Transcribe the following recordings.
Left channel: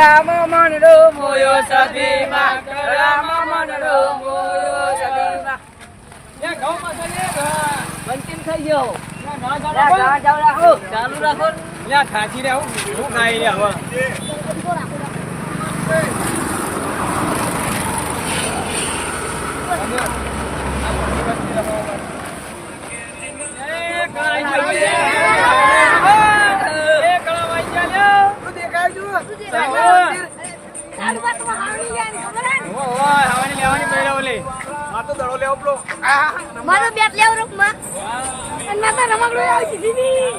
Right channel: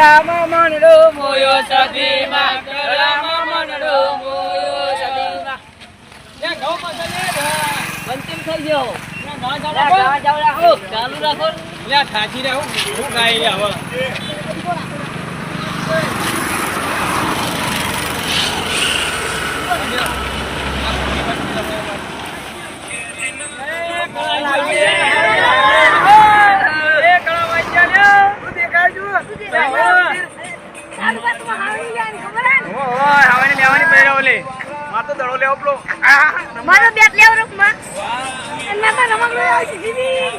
કળામાં મનડો મોયો સદીમાં કળામાં મનડો મોયો સદીમાં બંતિમ થઈ ગયો ચાલુ રાખો થાકી રહ્યા હું હું ગાઈ રહ્યા હવે મારો બેટ લેવો રૂપમાં અને મેં તો રમકડું લાવી દીધી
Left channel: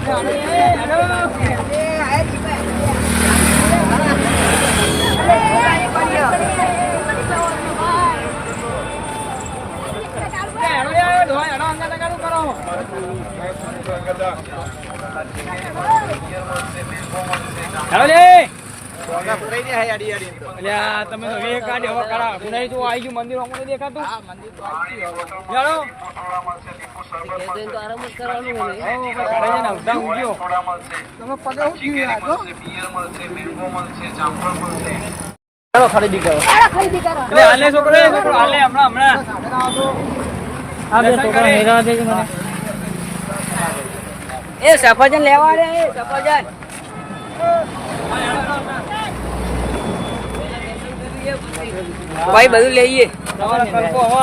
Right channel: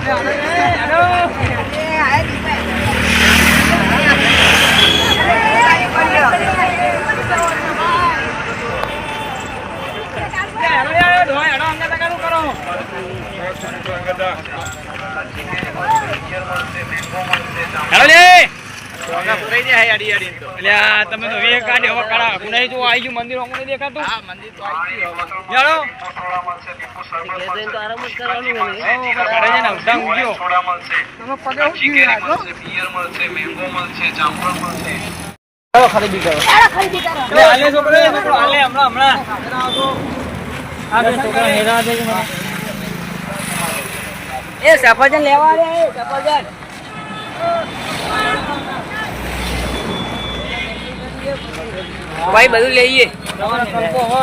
હેલો લે અલ્યા તમે તો વિવેક કાઢી હવે કાઢા કુનાઈ જો આવી ગયું મંદિર અમને દેખાતું? હા મંદિર તો આવી ગયું તો આરામ જ કરવાનું હોય ને. હવે ઘરે જઈને ઉડામ ઉગ્યો ચાલો ખરીદી કરો. ખરીદી કરો. એટલે હાલે છોકરો છોકરો હાલે હમણાં હમણાં. એ સફરજન લેવા રે એ સફરજન. ભાઈ બધું લઈએ. તમારો કલ્પો હો.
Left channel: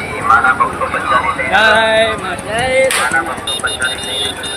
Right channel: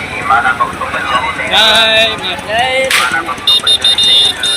તમે ઊંઘ્યા જાઓ, બધું લઈ લે. હે, પકડી જવાના. હા પકડી ખા કાકા તમારે પીવું હોય તો બધું કશું પીવું નહીં, ભયા. જય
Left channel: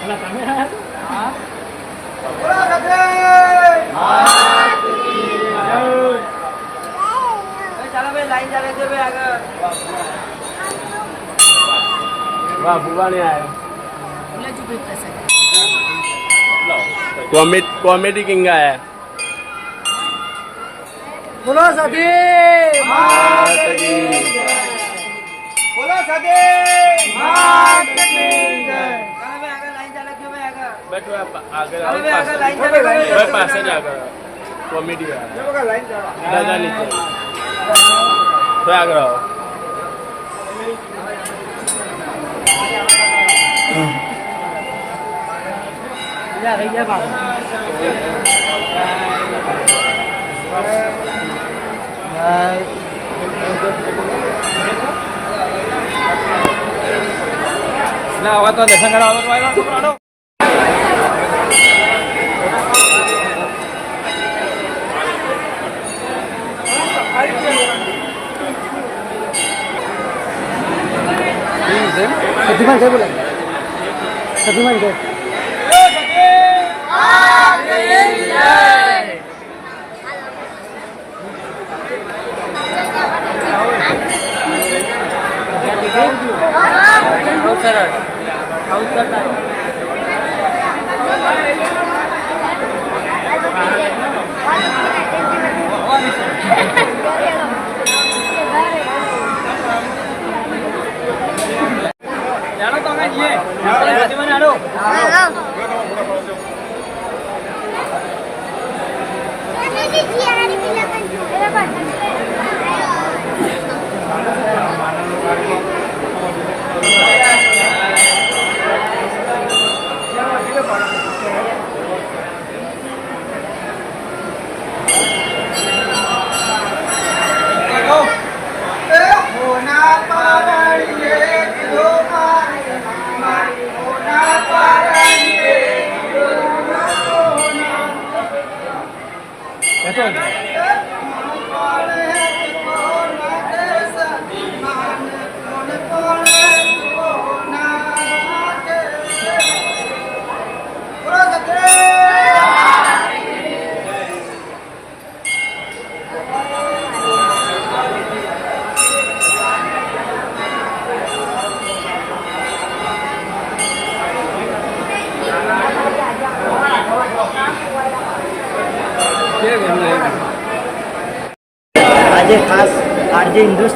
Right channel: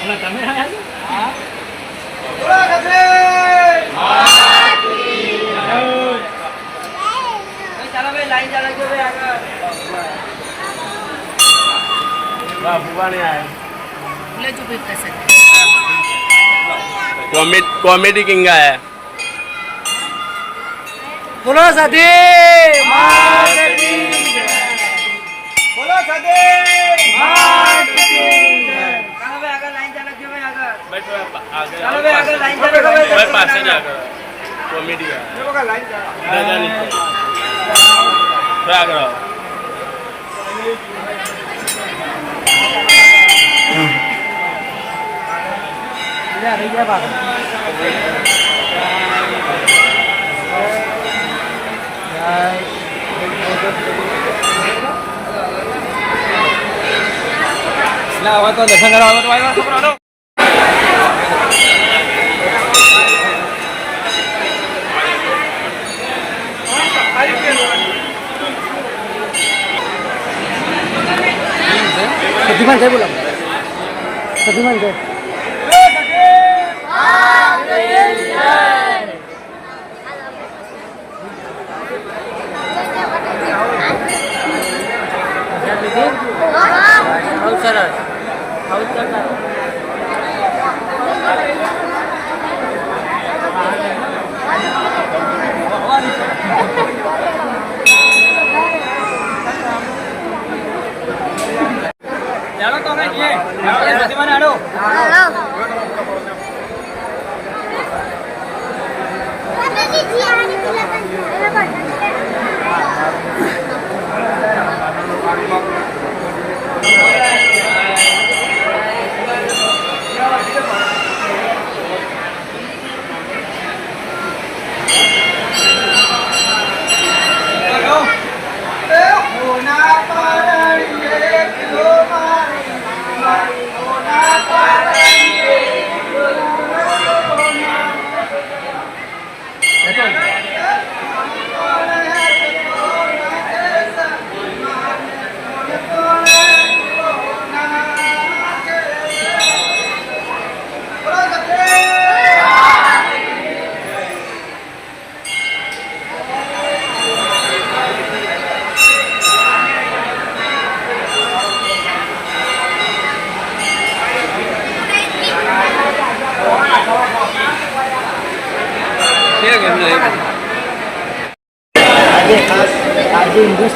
અને તમે હા. ચાલો ભાઈ લાઈન ચાલે છે ભાઈ આગળ. ભુવાણી આવે કોમેડી કિંગ આયા બોલો સાધે બોલો સાધે ભાઈ પાસે જ આગળ કોમેડી દાદાની આગળ ના હવે તો દર્શન કરવા સતીમાન સાહેબ બોલો. સતીમાન સાહેબ બહુ સરળ આવું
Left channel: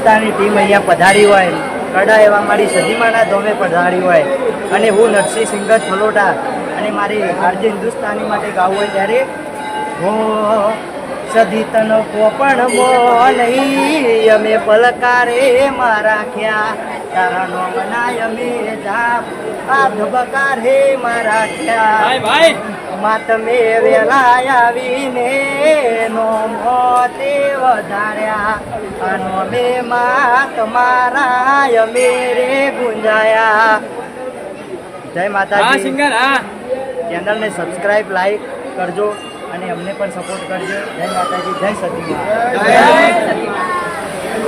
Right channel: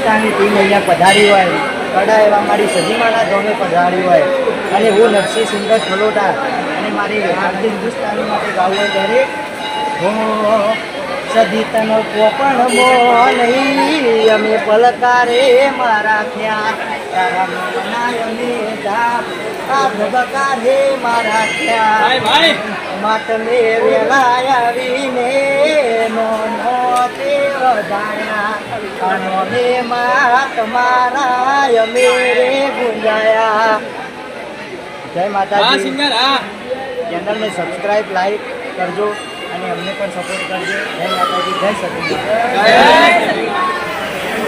આજે ટીમ અહીંયા પધારી હોય, કડા એવા મારી સજીમાના ધોમે પધારી હોય, અને હું નરસિંહ સુંદર થલોટા અને મારી આજે હિન્દુસ્તાની માટે ગાવું હોય ત્યારે હો, સદી તનો કોપણ મો નહીં, અમે પલકારે મારા ખ્યા. તારા નો મનાય અમે જાપ આ ધબકારે મારા ખ્યા ભાઈ ભાઈ. માતમે વેલા આવીને નો મોતે વધાર્યા. અનો મે માત મારા અમે રે ગુંજાયા. જય હા માતાજી સિંગર હા. ચેનલને સબસ્ક્રાઇબ લાઈક કરજો અને અમને પણ સપોર્ટ કરજો. જય માતાજી જય સતી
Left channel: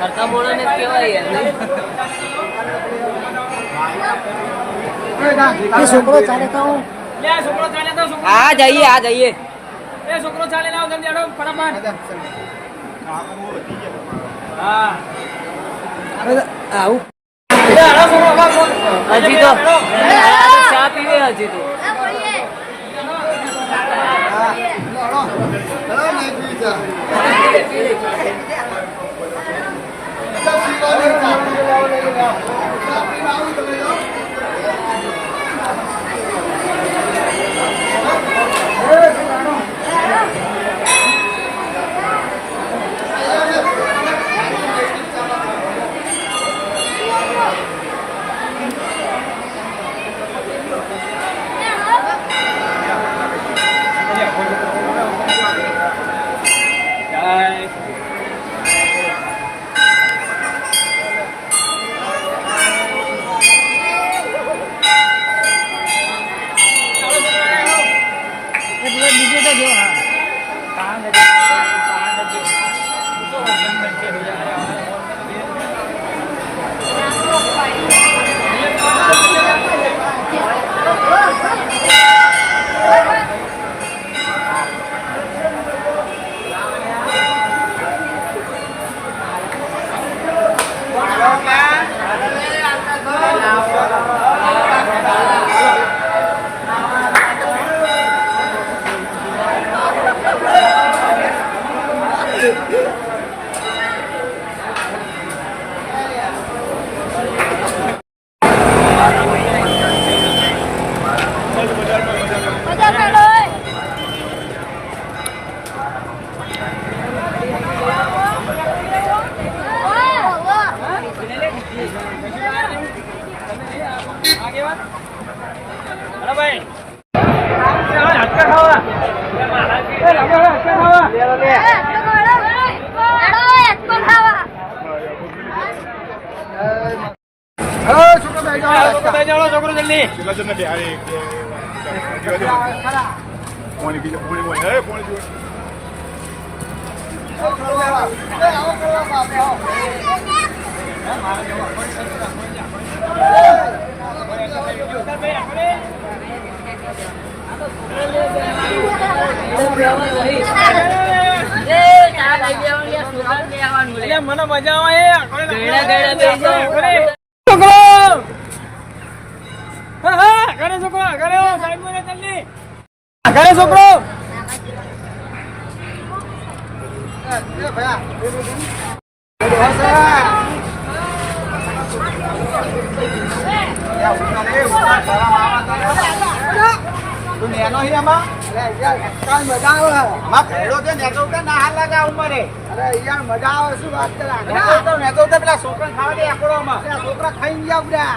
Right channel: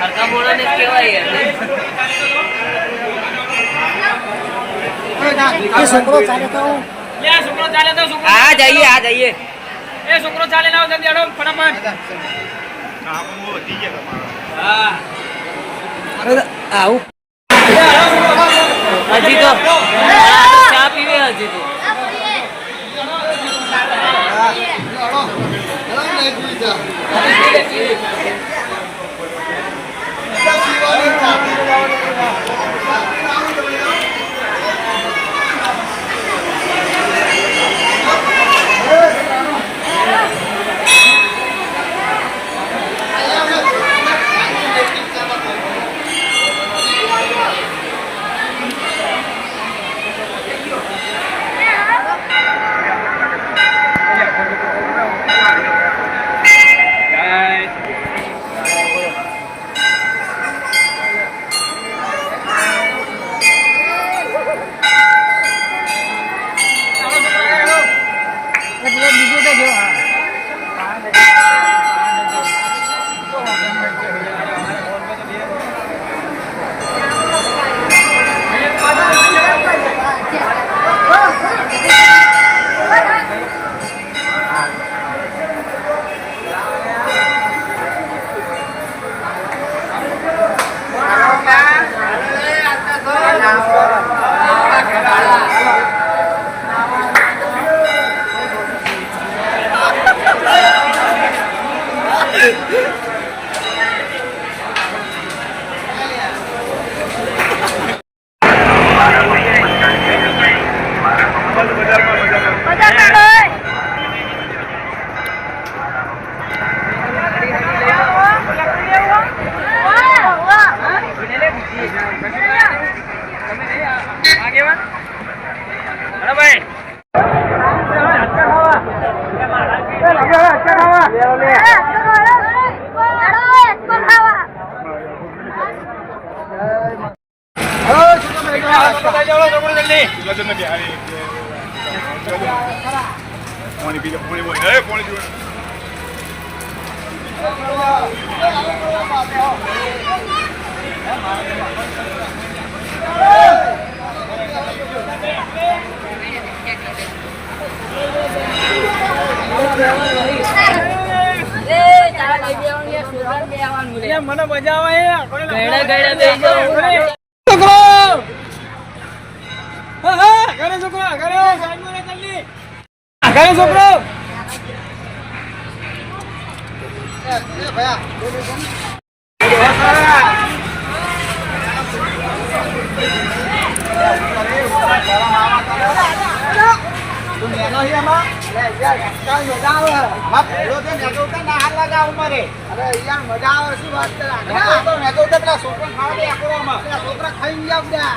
કરતા બોલાને જ કહેવાય યાર છોકરો ચાલે તો લે છોકરો ચાલે તો છોકરો. આ જઈએ આ જઈએ. એ છોકરો ચાલે જલ્દી ફટાફટ. હા. આવું. હજી તો. ચા પીવે હજી તો. જય છોકરો થઈ જાઓ, છોકરો જલ્દી. એટલે મને મજા આવે એ. કોને ગયડા ગયડા બેસી જાઓ. અરે, છોકરો હા હા ઘરે છોકરો ઘરે સાઈડમાં રે જલ્દી ઘરે છોકરો. તું નેનો હી આમાં? મજા આવે. આમાં ભેડો છે નેતો ઉતર ના હાલ લાગે આ અરે યાર મજા આવે શું વાત કરે? નેતો ઉતર નેતો છોકરા ખાવા દે આકડોમાં પેલા છોકરા ખાઈ ગયા બધા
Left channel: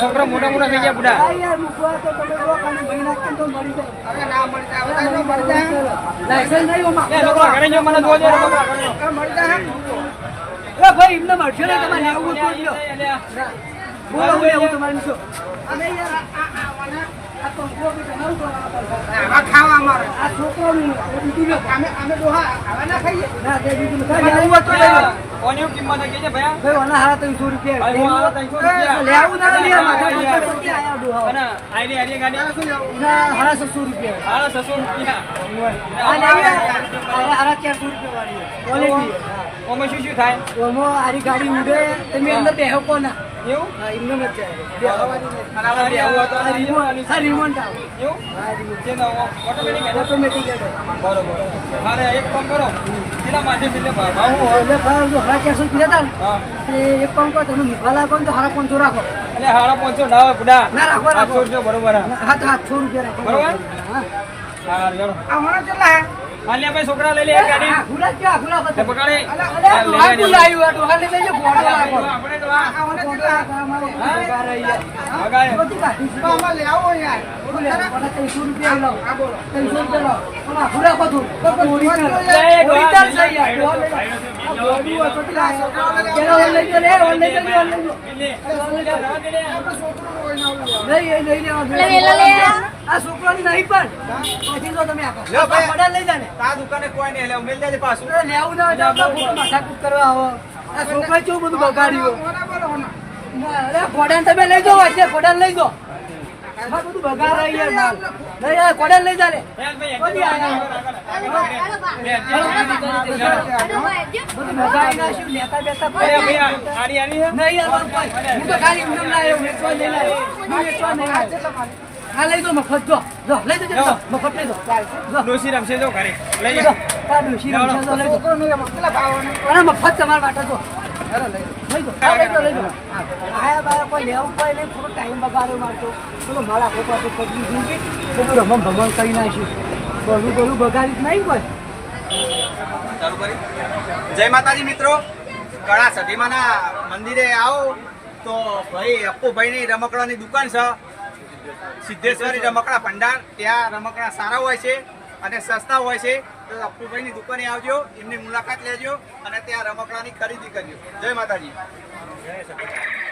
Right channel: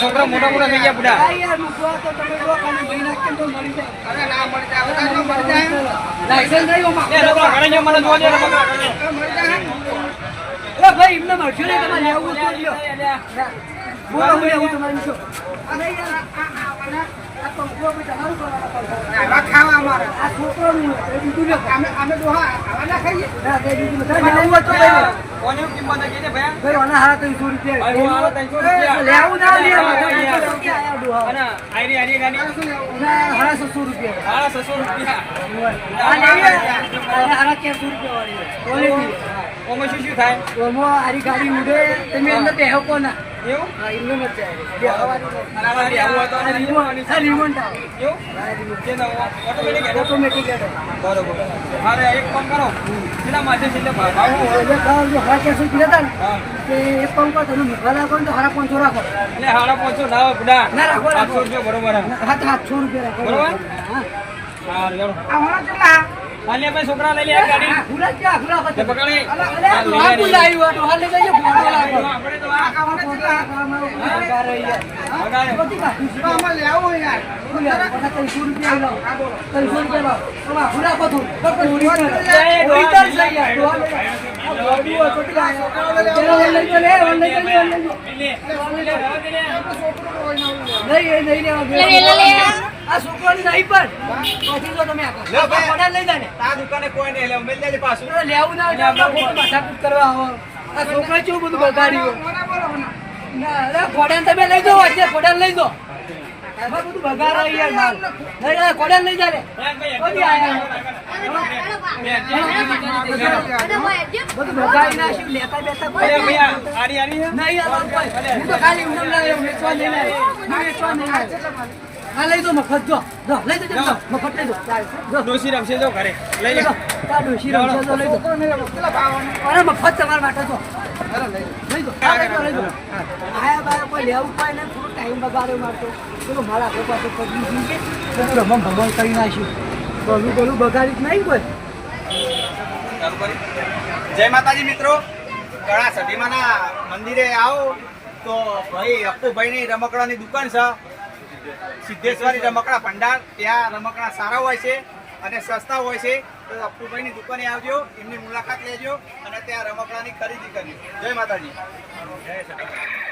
છોકરા મોટા મોટા થઈ ગયા બુડા. અરે મળી જાય. હવે કાંઈ ન મળી જાય લે, છોકરા, ઘરે જો, મને જોવા દે, જાય ભાઈ એમને મળશે ને તમારે આવું તો. બોલો હું એવું તમારે શું ઓમાં શું શું થાય? ઓમાં આરી ગાડી ઉડે. તમે અંદર બેહો કોના? એવું? હા એમને મત જાય બેહવાની નહીં. અને આમાં બેહવું હોય તો આ રિમોટ. આ રિમોટ આવે. એવું? હા રિમોટ. કે ના, ઓટોમેટિક હેડે? ઓટોમેટિક હેડે બરોબર. મારે એક કામ કરો. કેટલા માથે છે ભાવ? એટલે ભાવ જો હારા ચારસો રૂપિયા હા. તે એક કામ કરો તમે મુખા લાગો તો હારા પાંચસો રાખો. એટલે હાડા પાંચસો ના બુડા ના, રાખો, રાખો. બરોબર હા. હા તો સાતસો રૂપિયા રાખો. બરોબર? હા. હારું, ચાલો. આ હોણા કેટલા? હા, લે ભાઈ છોકરા લઈ લે ગાડી આ ખુલા ક્યાં ખુલા પકડે. અલા, હા, અલા, લઈ ડોહા લે, લઈ લે. બોલાવ્યું, આ ડોહા લઈ જજો, ભોળો લાગો. આપણે તો આ- આ ભોળો લાગો, આ મારો પગાર રહી જાય. વગાડે. કાઢી છે. લેવો યાર બોલો, મને ત્રણસો રૂપિયા લાવો. ત્રણસો રૂપિયા લાવો. આમાં ખુલા બધું. ઓરિજિનલ. એ ડોહા ઓરિજિનલ છે યાર, ડોહા લઈ જાઓ. આ બોડી હોય તો કેટલા આયા? પેલો ઓન લઈ જાઓ, લે, ઓન લઈ જાઓ, લે, ઓન લઈ જાઓ. લે, લે, રવા દે લે. નહીં, એ નહીં લેવા આ છોકરાની નહીં પણ પછી તો તમે. લે, ભાઈ. લઈ જાને તા આ દુકાને કોઈ નહીં લે મેલ દેજે પાછું તો લેવું ના ફોટો આપણે ખોટું માથાકૂટ કરવા આવો. આ છોકરા કેવું બધું બગાડ્યું ના, અરે ઘોડાને તમે લઈ જાઓ વચ્ચે, ઘોડાને લઈ જાઓ. આ બધું બગાડ રહી યાર માલ. નહીં, આ ઘોડાને લઈ જાને રે. બધું બગાડી નાખ્યું, લેતા બેતા કોઈ અરે નહીં. આ- આરી, આરી છે? નહીં, આ હું તો ખાલી વેચવા નહીં લાવ્યો. હું વેચવા નહીં લાવ્યો. હા, લઈ દો મફત જો જો લઈ દો જો, મફત લઈ દો જો. ડોશી રમશે જો ઘરે. લઈ લઈ જા. દો આ ડોશી રમશે તો લઈ દો અરે મફત તમારા માટે જો. લઈ દો હા, લઈ દો લઈ દો આયા બાયા કોઈ લેવું કોઈ નહીં થોડો ટાઈમ બગાડ્યો મારતો. પેલું મારા આખો પાછો પગલું કે બધું રમમ ભમમ કરી નાખ્યું ગળું ગળું બગાડી નહીં કોઈ ચાલુ કરી. જય માતાજી મિત્રો. કળા સધીમાના મંદિરે આવો. તો ભાઈ અપ્પુભાઈની રમકડાની દુકાન છે. સિદ્ધેશ્વરી રમકડા ભંડાર, ત્યાં રમકડા સારા હોય છે અને સસ્તા હોય છે. તો અપ્પુભાઈની દુકાને આવજો, એમની મુલાકાત લેજો અને ત્યાં રમકડાની ખરીદી કરજો. જય માતાજી. જય.